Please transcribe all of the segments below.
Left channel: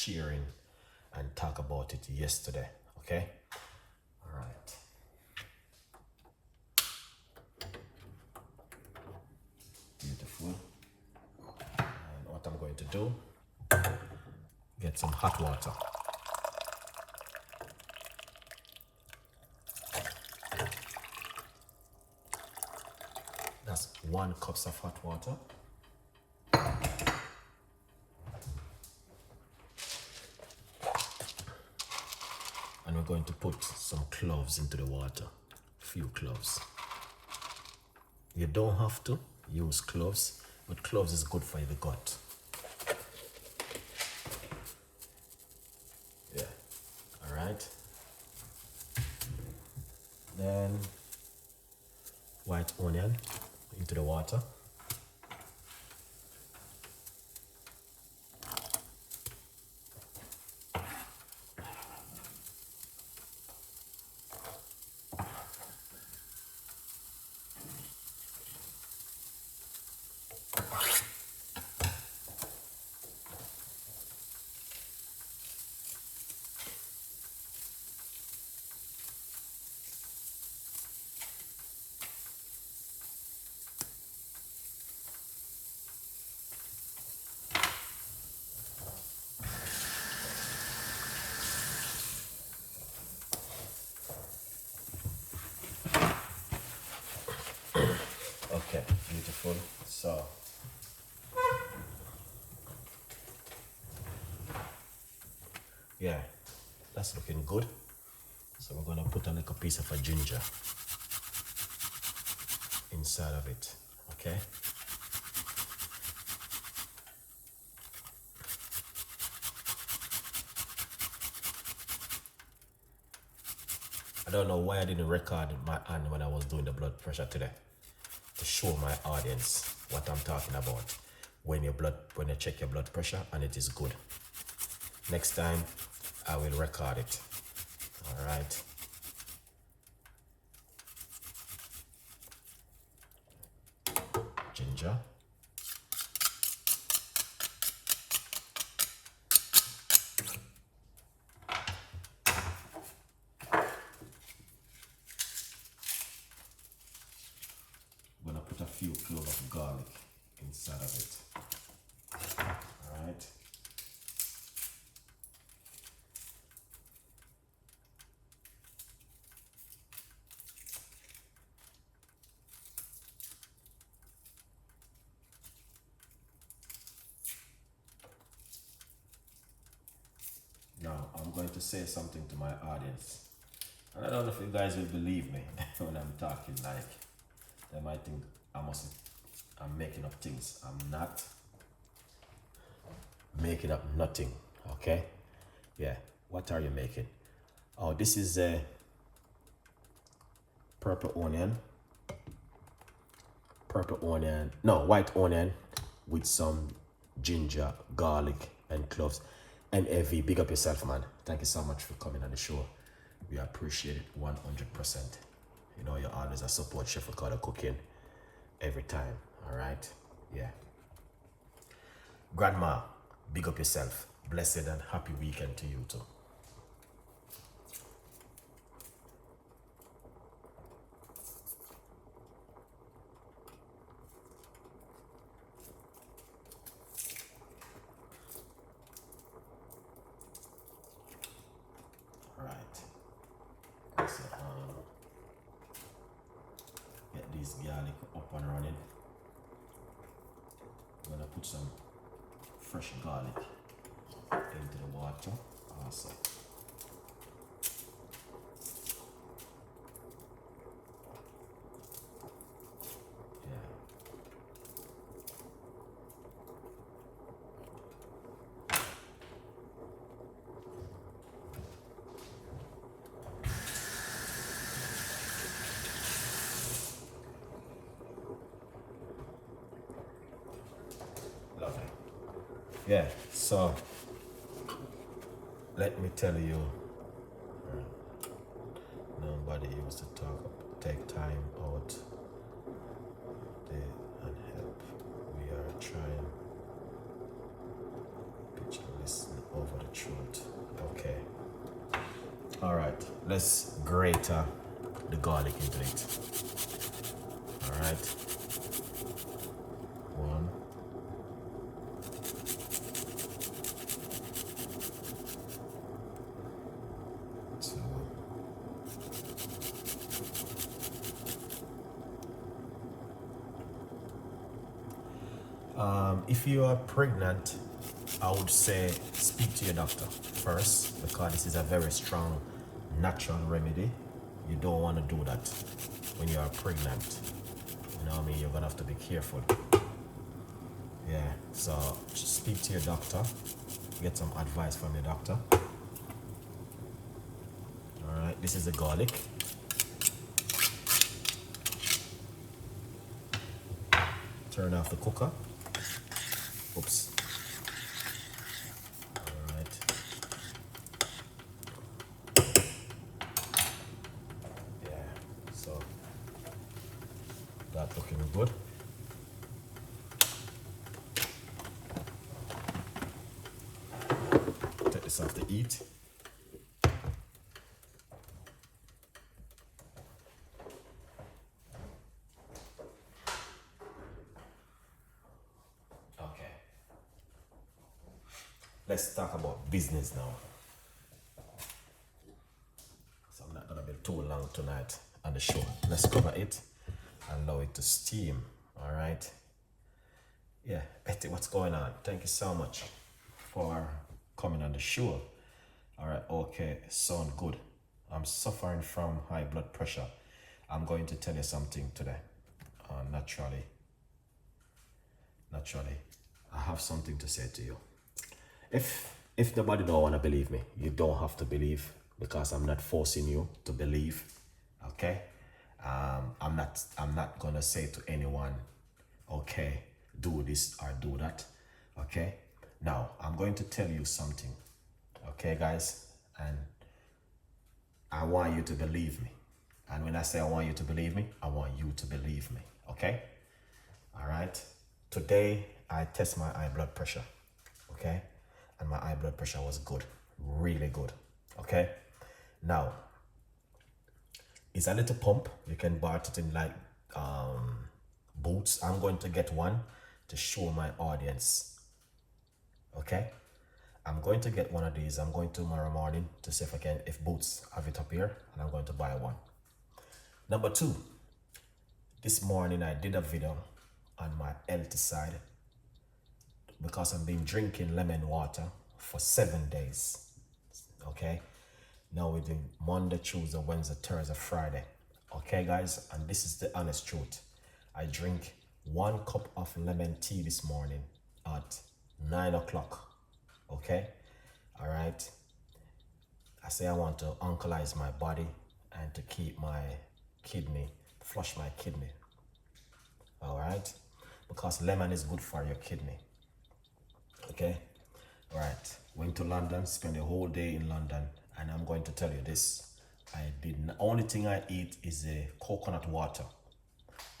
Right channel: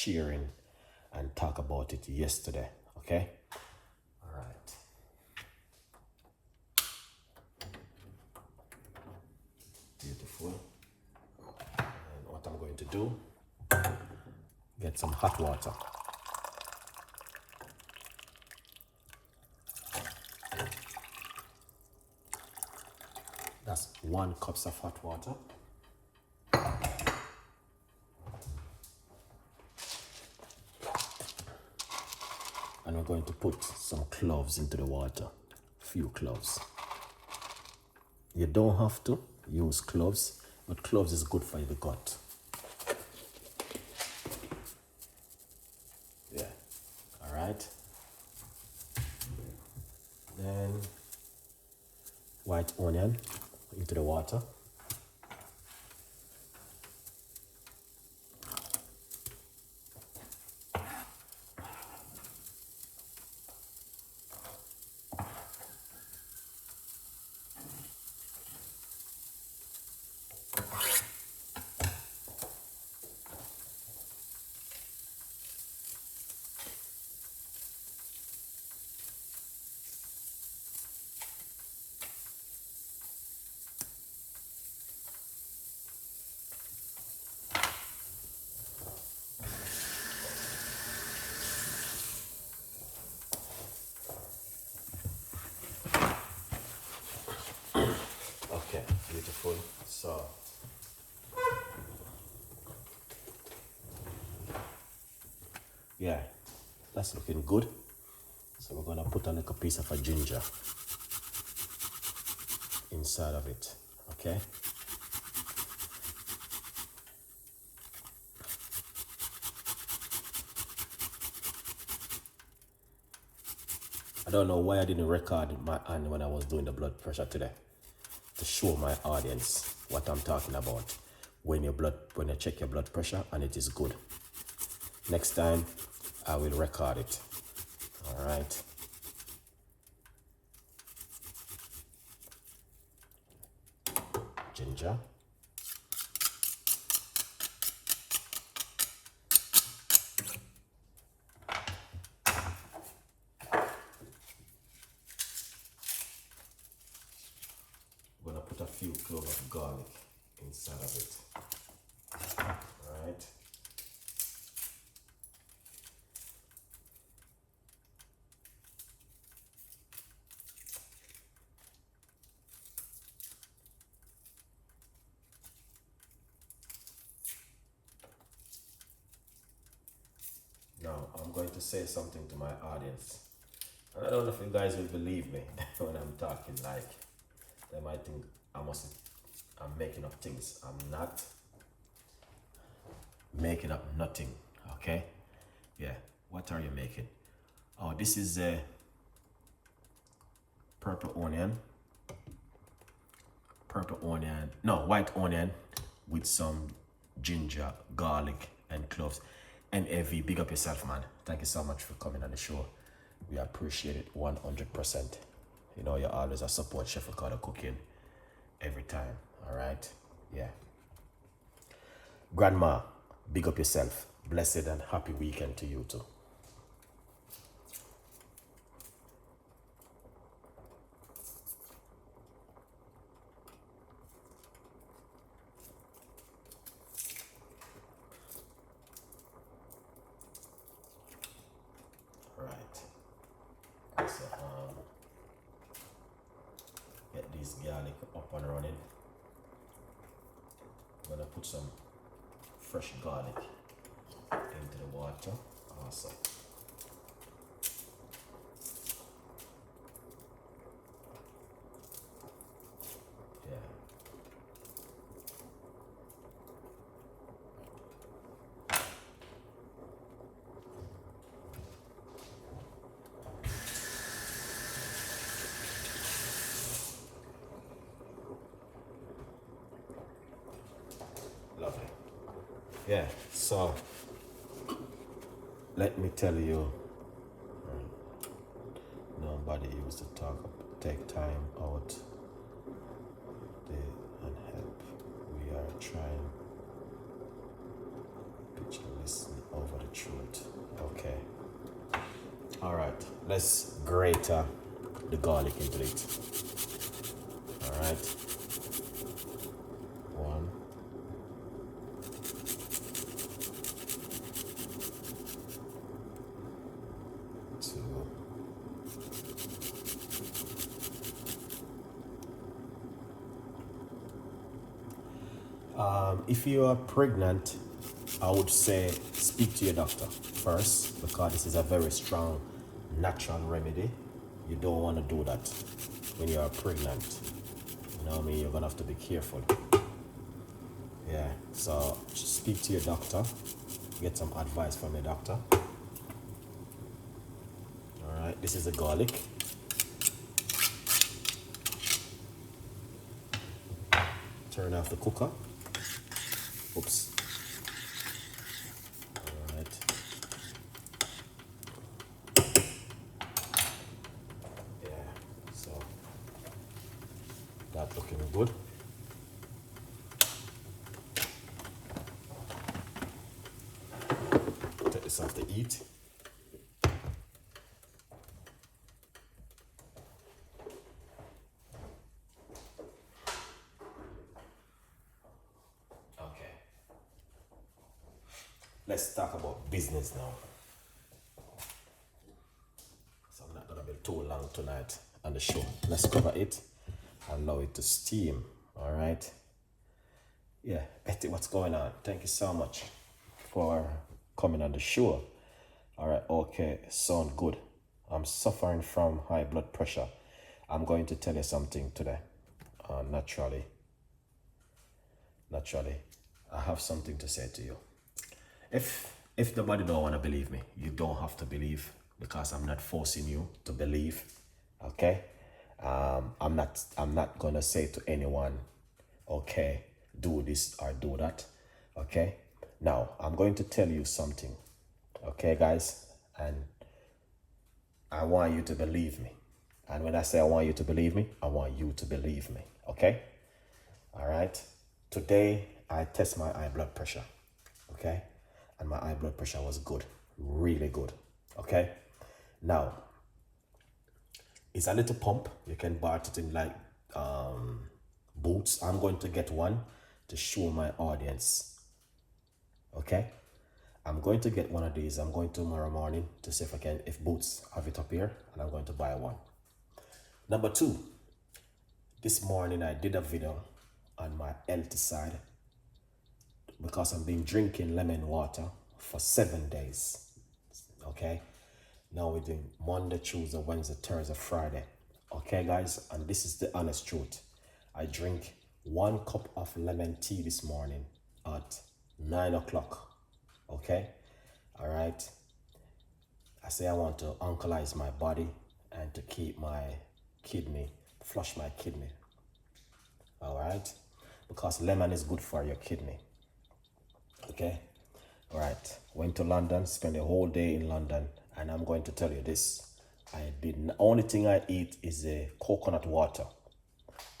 sharing and talk about it yesterday. Okay. All right. Beautiful. And what I'm going to do, get some hot water. That's 1 cup of hot water. And we're going to put some cloves into the water. A few cloves. You don't have to use cloves, but cloves is good for the gut. Yeah. All right. Then white onion into the water. Okay, beautiful. So yeah, that's looking good. So we're gonna put a little piece of a ginger inside of it. Okay. I don't know why I didn't record my hand when I was doing the blood pressure today, to show my audience what I'm talking about when you check your blood pressure and it is good. Next time I will record it. All right. Ginger. I'm gonna put a few cloves of garlic inside of it. All right. Now I'm going to say something to my audience. And I don't know if you guys will believe me when I'm talking. Like, they might think I'm making up things. I'm not making up nothing. Okay. Yeah. What are you making? Oh, this is a white onion with some ginger, garlic, and cloves. MAV, big up yourself, man. Thank you so much for coming on the show. We appreciate it 100%. You know, you're always a support Chef Ricardo cooking every time. All right. Yeah. Grandma, big up yourself. Blessed and happy weekend to you too. All right. So, get this garlic up and running. I'm gonna put some fresh garlic into the water. Awesome. Yeah. Lovely. Yeah, so let me tell you, nobody used to take time out there and help. We are trying, picture listening over the All right, let's grate the garlic into it. All right, one, two, if you are pregnant, I would say speak to your doctor first, because this is a very strong natural remedy. You don't want to do that when you are pregnant. You know what I mean? You're gonna have to be careful. Yeah, so just speak to your doctor, get some advice from your doctor. All right, this is the garlic. Turn off the cooker. Oops. All right. Yeah, so that's looking good. Take this off the heat. Okay. Let's talk about business now. So I'm not gonna be too long tonight on the show. Let's cover it. Allow it to steam. All right. Yeah, Betty, what's going on? Thank you so much for coming on the show. All right, okay, sound good. I'm suffering from high blood pressure. I'm going to tell you something today. Naturally, I have something to say to you. If nobody don't want to believe me, you don't have to believe, because I'm not forcing you to believe. Okay, I'm not gonna say to anyone, okay, do this or do that. Okay, now I'm going to tell you something. Okay, guys, and I want you to believe me. And when I say I want you to believe me, I want you to believe me. Okay, all right. Today I test my high blood pressure. Okay, and my high blood pressure was good, really good. Okay, now it's a little pump. You can buy it in like Boots. I'm going to get one to show my audience. Okay, I'm going to get one of these. I'm going tomorrow morning to see if Boots have it up here, and I'm going to buy one. Number two, this morning I did a video on my healthy side, because I've been drinking lemon water for 7 days. Okay, now we're doing Monday, Tuesday, Wednesday, Thursday, Friday. Okay, guys, and this is the honest truth. I drink 1 cup of lemon tea this morning at 9 o'clock. Okay, all right. I say I want to alkalize my body and to keep my kidney, flush my kidney. All right, because lemon is good for your kidney. Okay, all right. Went to London, spent a whole day in London, and I'm going to tell you this. Only thing I eat is a coconut water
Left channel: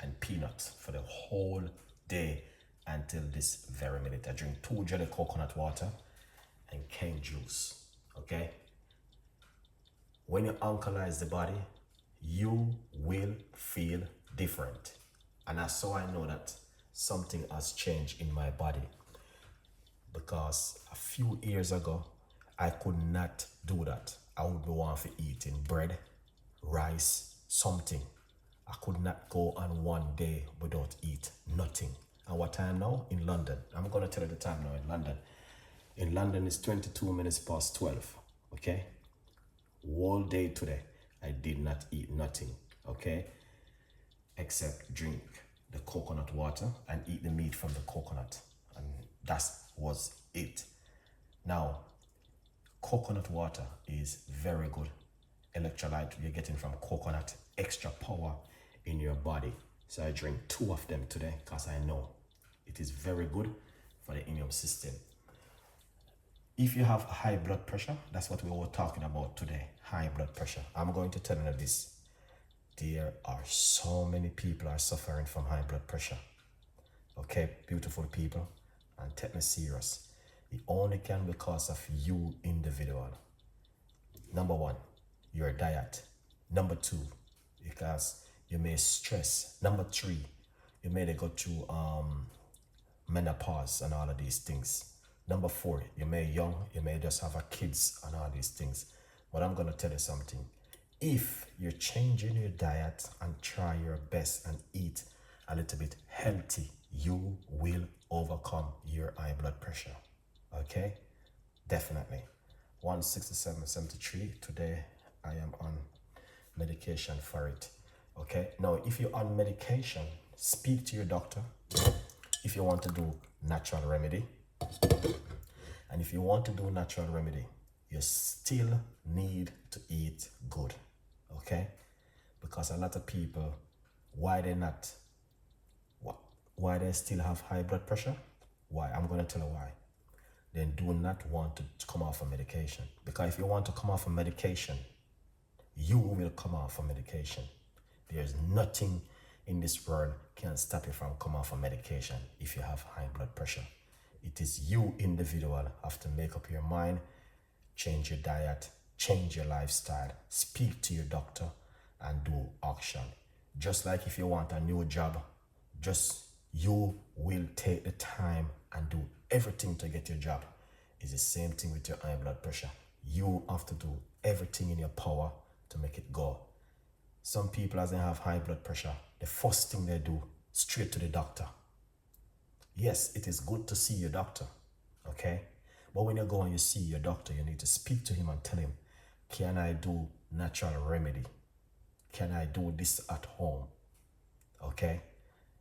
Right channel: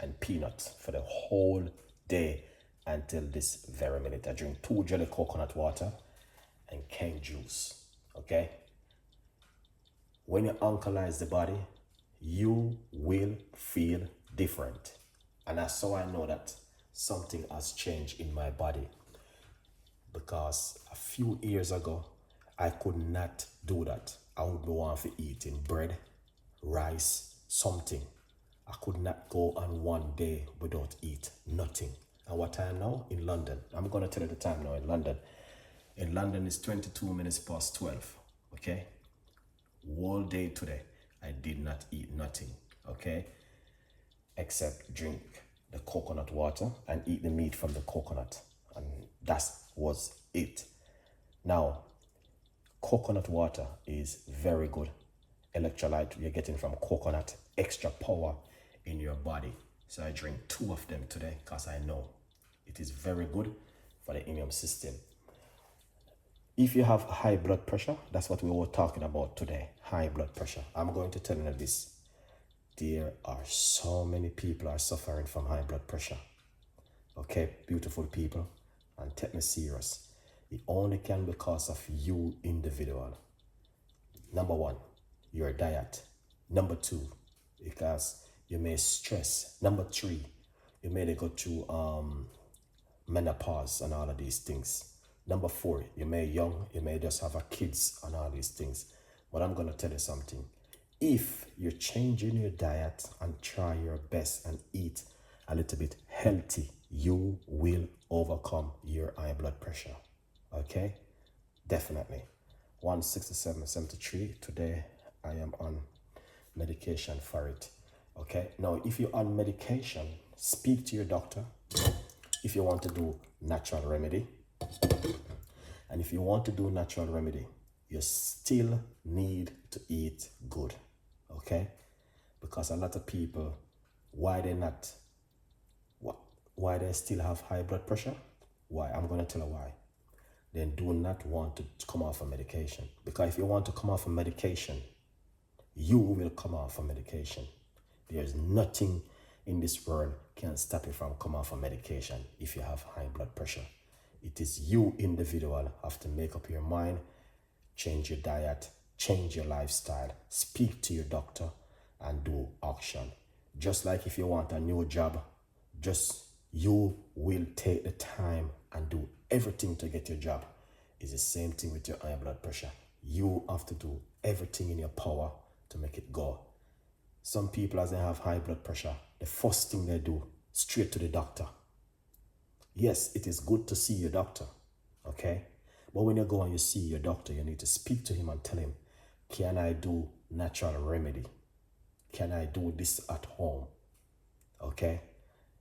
and peanuts for the whole day until this very minute. I drink 2 jelly coconut water and cane juice. Okay, when you alkalize the body, you will feel different, and that's how I know that something has changed in my body. Because a few years ago, I could not do that. I would be want to eating bread, rice, something. I could not go on one day without eat nothing. And what time now? In London. I'm going to tell you the time now in London. In London, it's 22 minutes past 12. Okay? All day today, I did not eat nothing. Okay? Except drink the coconut water and eat the meat from the coconut. And that was it. Now, coconut water is very good electrolyte you're getting from coconut, extra power in your body. So I drink 2 of them today because I know it is very good for the immune system. If you have high blood pressure, that's what we were talking about today, high blood pressure. I'm going to tell you this. There are so many people are suffering from high blood pressure. Okay, beautiful people, and take me serious. It only can be because of you individual. Number one, your diet. Number 2, because you may stress. Number 3, you may go through menopause and all of these things. Number 4, you may young, you may just have a kids and all these things. But I'm gonna tell you something. If you're changing your diet and try your best and eat a little bit healthy, you will overcome your high blood pressure. Okay? Definitely. 167.73. Today I am on medication for it. Okay? Now, if you're on medication, speak to your doctor. If you want to do natural remedy, and if you want to do natural remedy, you still need to eat good. Okay? Because a lot of people, why they still have high blood pressure? Why? I'm going to tell you why. They do not want to come off of medication. Because if you want to come off of medication, you will come off of medication. There's nothing in this world can stop you from coming off of medication if you have high blood pressure. It is you individual have to make up your mind, change your diet, change your lifestyle, speak to your doctor, and do action. Just like if you want a new job, just you will take the time and do everything to get your job. It's the same thing with your high blood pressure. You have to do everything in your power to make it go. Some people, as they have high blood pressure, the first thing they do, straight to the doctor. Yes, it is good to see your doctor, okay? But when you go and you see your doctor, you need to speak to him and tell him, can I do natural remedy? Can I do this at home? Okay?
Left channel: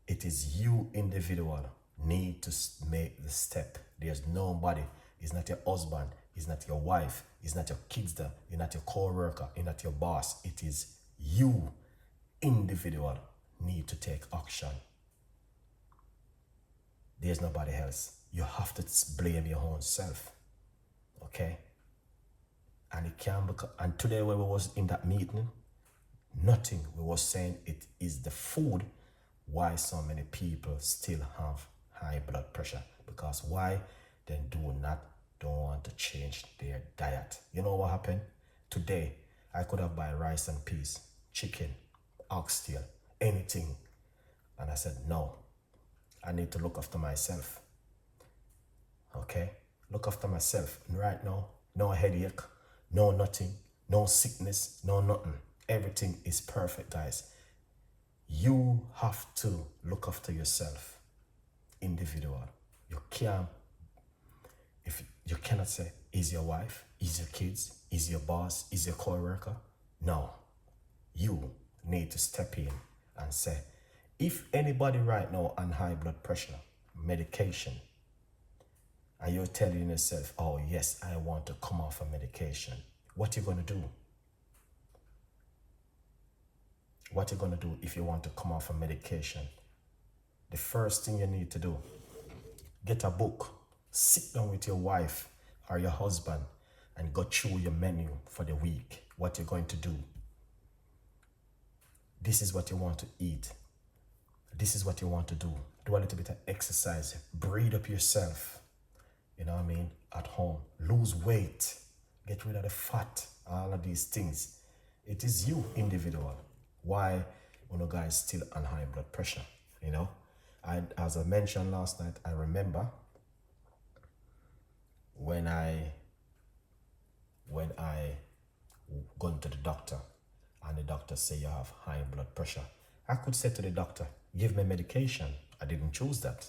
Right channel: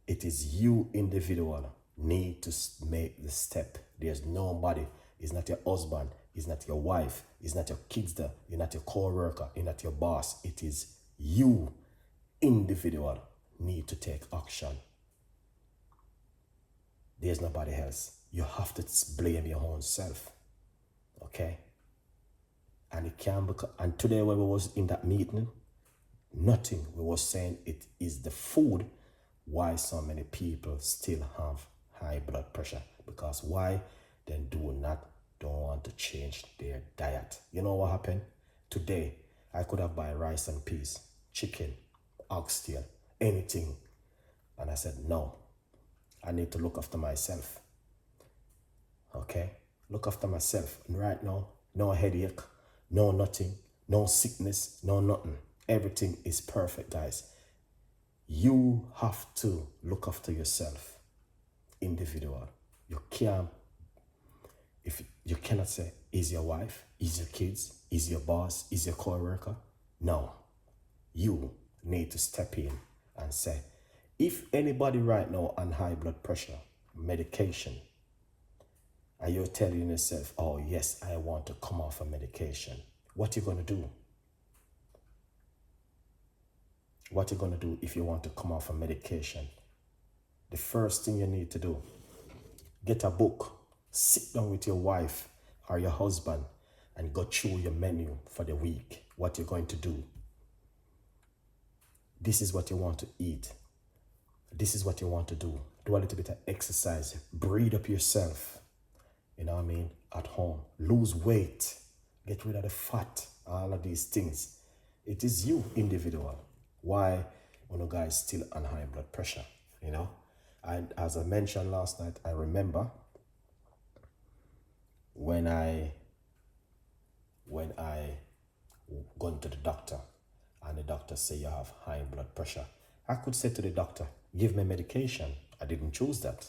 It is you individual need to make the step. There's nobody. It's not your husband. It's not your wife. It's not your kids. It's not your co-worker. It's not your boss. It is you individual need to take action. There's nobody else. You have to blame your own self. Okay? And it can become, and today when we was in that meeting, nothing, we was saying it is the food why so many people still have high blood pressure. Because why? They don't want to change their diet. You know what happened? Today, I could have buy rice and peas, chicken, oxtail, anything. And I said, no, I need to look after myself. Okay? Look after myself. And right now, no headache, no nothing, no sickness, no nothing. Everything is perfect, guys. You have to look after yourself, individual. You can't, if you cannot say, is your wife, is your kids, is your boss, is your co-worker? No. You need to step in and say, if anybody right now on high blood pressure, medication, and you're telling yourself, oh yes, I want to come off of medication, what you gonna do? What you gonna do if you want to come off of medication? The first thing you need to do, get a book, sit down with your wife or your husband and go through your menu for the week, what you're going to do. This is what you want to eat. This is what you want to do. Do a little bit of exercise, breathe up yourself, you know what I mean, at home. Lose weight, get rid of the fat, all of these things. It is you, individual. Why you guys still on high blood pressure, you know? And as I mentioned last night, I remember when I gone to the doctor and the doctor say you have high blood pressure, I could say to the doctor, give me medication. I didn't choose that.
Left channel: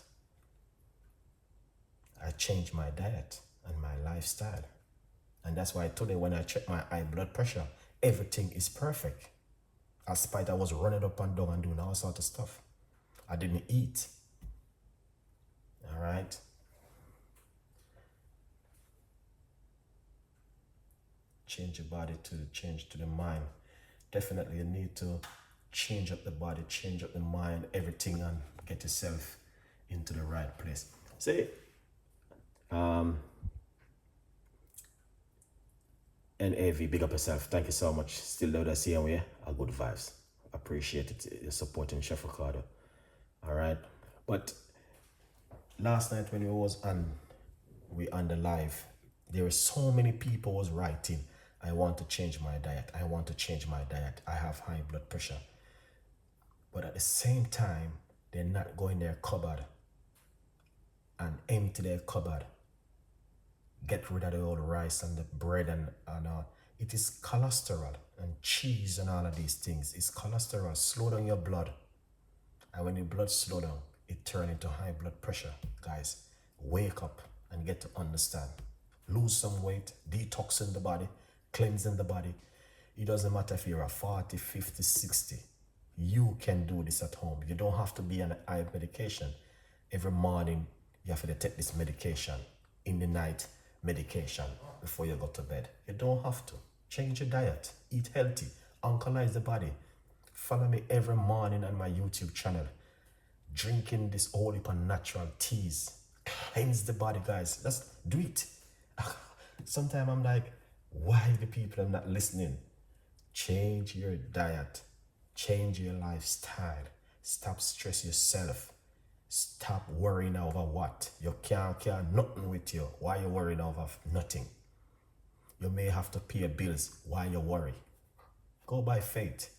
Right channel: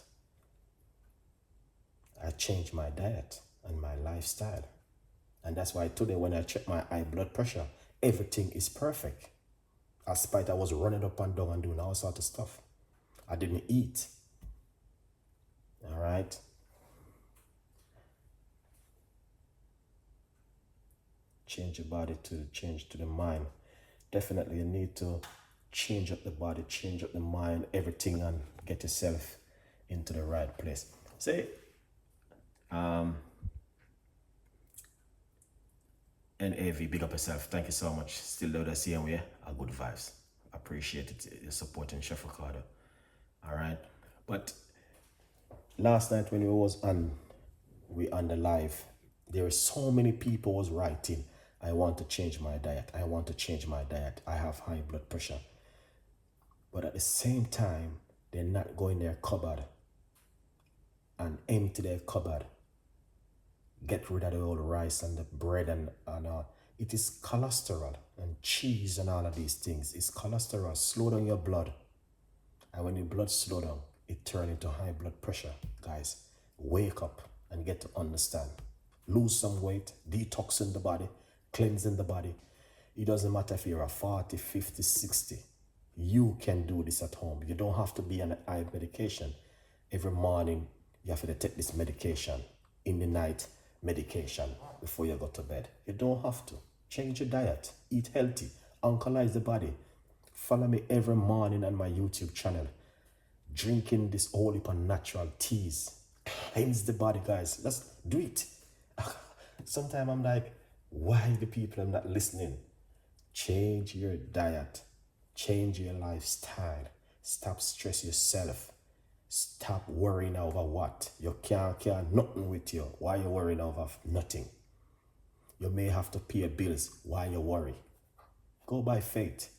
I changed my diet and my lifestyle. And that's why today when I check my high blood pressure, everything is perfect. Despite I was running up and down and doing all sorts of stuff. I didn't eat. All right. Change your body to change to the mind. Definitely you need to change up the body, change up the mind, everything, and get yourself into the right place. Say, NAV, big up yourself. Thank you so much. Still there, same way. A good vibes. Appreciate it. You're supporting Chef Ricardo. All right. But last night when we on the live, there were so many people was writing I want to change my diet. I want to change my diet. I have high blood pressure. But at the same time, they're not going their cupboard and empty their cupboard. Get rid of the old rice and the bread and it is cholesterol and cheese and all of these things. It's cholesterol. Slow down your blood. And when your blood slow down, it turns into high blood pressure. Guys, wake up and get to understand. Lose some weight, detoxing the body, cleansing the body. It doesn't matter if you're a 40, 50, 60. You can do this at home. You don't have to be on eye medication. Every morning, you have to take this medication. In the night, medication before you go to bed. You don't have to. Change your diet. Eat healthy. Alkalize the body. Follow me every morning on my YouTube channel. Drinking this whole heap of natural teas. Cleanse the body, guys. Let's do it. Sometimes I'm like, why the people are not listening? Change your diet. Change your lifestyle. Stop stress yourself. Stop worrying over what. You can't nothing with you. Why you worrying over nothing? You may have to pay bills. Why you worry? Go by faith.